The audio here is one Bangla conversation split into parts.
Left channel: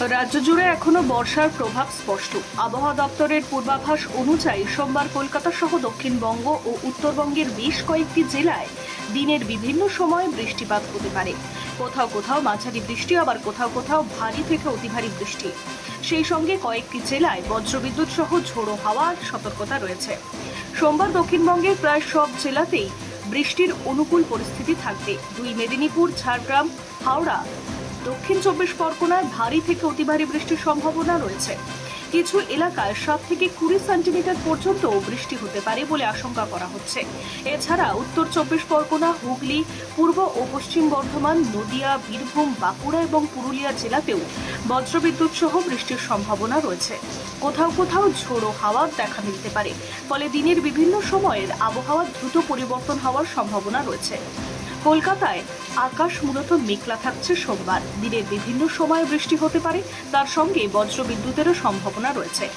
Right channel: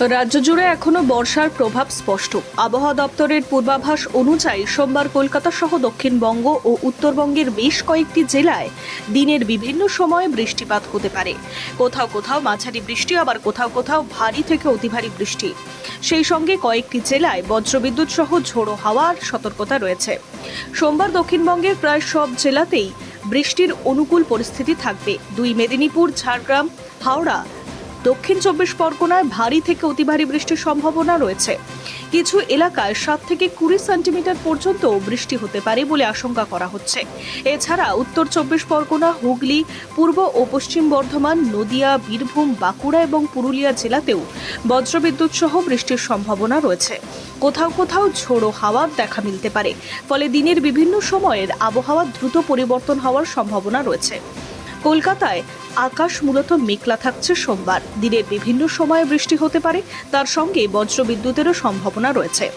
রাজ্য জুড়ে এখনো বর্ষার প্রভাব স্পষ্ট। আবহাওয়া দপ্তরের পূর্বাভাস অনুযায়ী সোমবার কলকাতা সহ দক্ষিণবঙ্গ ও উত্তরবঙ্গের বেশ কয়েকটি জেলায় দিনের বিভিন্ন সময়ে বৃষ্টিপাত হতে পারে। কোথাও কোথাও মাঝারি বৃষ্টি, আবার কোথাও কোথাও ভারী থেকে অতি ভারী বৃষ্টি। সেই সঙ্গে কয়েকটি জেলায় বজ্রবিদ্যুৎ সহ ঝোড়ো হাওয়ার সতর্কতা রয়েছে। সোমবার দক্ষিণবঙ্গের প্রায় সব জেলাতেই বৃষ্টির অনুকূল পরিস্থিতি থাকবে। দুই মেদিনীপুর, ঝাড়গ্রাম, হাওড়া, দক্ষিণ চব্বিশ পরগনায় ভারী থেকে অতি ভারী বৃষ্টির সম্ভাবনা রয়েছে। কিছু এলাকায় 7 থেকে 20 সেন্টিমিটার পর্যন্ত বৃষ্টি হতে পারে বলে আশঙ্কা করা হচ্ছে। এছাড়া উত্তর চব্বিশ পরগনা, হুগলি, পূর্ব ও পশ্চিম বর্ধমান, নদিয়া, বীরভূম, বাঁকুড়া এবং পুরুলিয়া জেলাতেও বজ্রবিদ্যুৎ সহ বৃষ্টির সম্ভাবনা রয়েছে। কোথাও কোথাও ঝোড়ো হাওয়া দেখা মিলতে পারে। ফলে দিনের বিভিন্ন সময়ের আবহাওয়া দ্রুত পরিবর্তন হওয়ার সম্ভাবনা রয়েছে। কলকাতায় আকাশ মূলত মেঘলা থাকছে। সোমবার দিনের বিভিন্ন সময়ে বৃষ্টি হতে পারে, তার সঙ্গে বজ্রবিদ্যুতেরও সম্ভাবনা রয়েছে।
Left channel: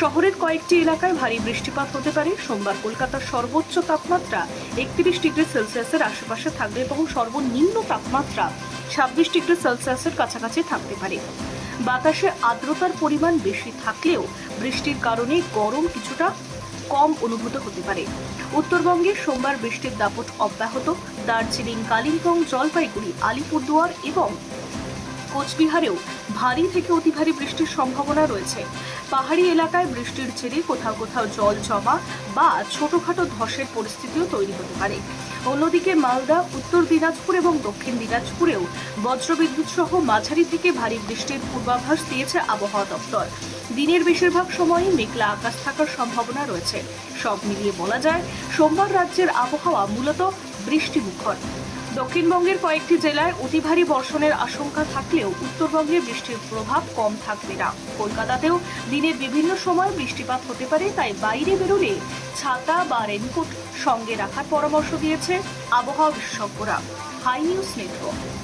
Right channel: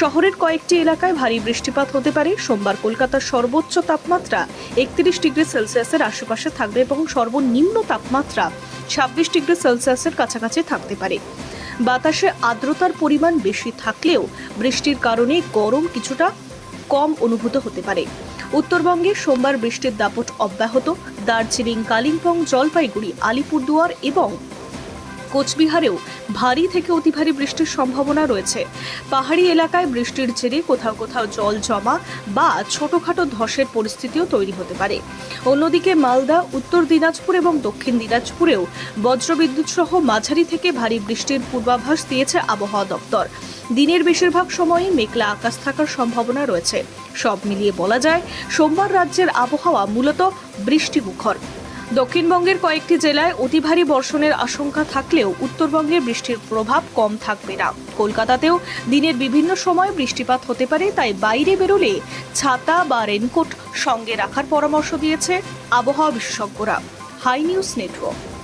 শহরের কয়েকটি এলাকায় ভারী বৃষ্টিপাত হতে পারে। সোমবার কলকাতার সর্বোচ্চ তাপমাত্রা 31 ডিগ্রি সেলসিয়াসের আশেপাশে থাকবে এবং সর্বনিম্ন তাপমাত্রা 26 ডিগ্রি সেলসিয়াসের কাছাকাছি থাকতে পারে। বাতাসে আর্দ্রতার পরিমাণ বেশি থাকলেও বৃষ্টির কারণে গরম কিছুটা কম অনুভূত হতে পারে। উত্তরবঙ্গে সোমবার বৃষ্টির দাপট অব্যাহত। দার্জিলিং, কালিম্পং, জলপাইগুড়ি, আলিপুরদুয়ার এবং কোচবিহারেও ভারী থেকে অতি ভারী বৃষ্টির সম্ভাবনা রয়েছে। পাহাড়ি এলাকায় বৃষ্টির জেরে কোথাও কোথাও জল জমা বা ছোটখাটো ধসের পরিস্থিতিও তৈরি হতে পারে। অন্যদিকে মালদা, উত্তর দিনাজপুর এবং দক্ষিণ দিনাজপুরেও বজ্রবিদ্যুৎ সহ মাঝারি থেকে ভারী বৃষ্টির পূর্বাভাস দিয়েছে আবহাওয়া দপ্তর। দিনের বেশিরভাগ সময়ই মেঘলা আকাশ থাকার সম্ভাবনা রয়েছে। সব মিলিয়ে বলা যায়, সোমবার রাজ্যের আবহাওয়া মূলত বৃষ্টিমুখর। দক্ষিণবঙ্গের কয়েকটি জেলায় অতি ভারী বর্ষণের আশঙ্কা থাকলেও উত্তরবঙ্গে বৃষ্টির প্রভাব কম থাকবে না। কলকাতাতেও দিনের বিভিন্ন সময় বৃষ্টিপাত হতে পারে, তাই বাইরে বেরোলে ছাতা বা রেনকোট সঙ্গে রাখার পরামর্শ দিয়েছে আবহাওয়া বিশেষজ্ঞরা। Hi News network.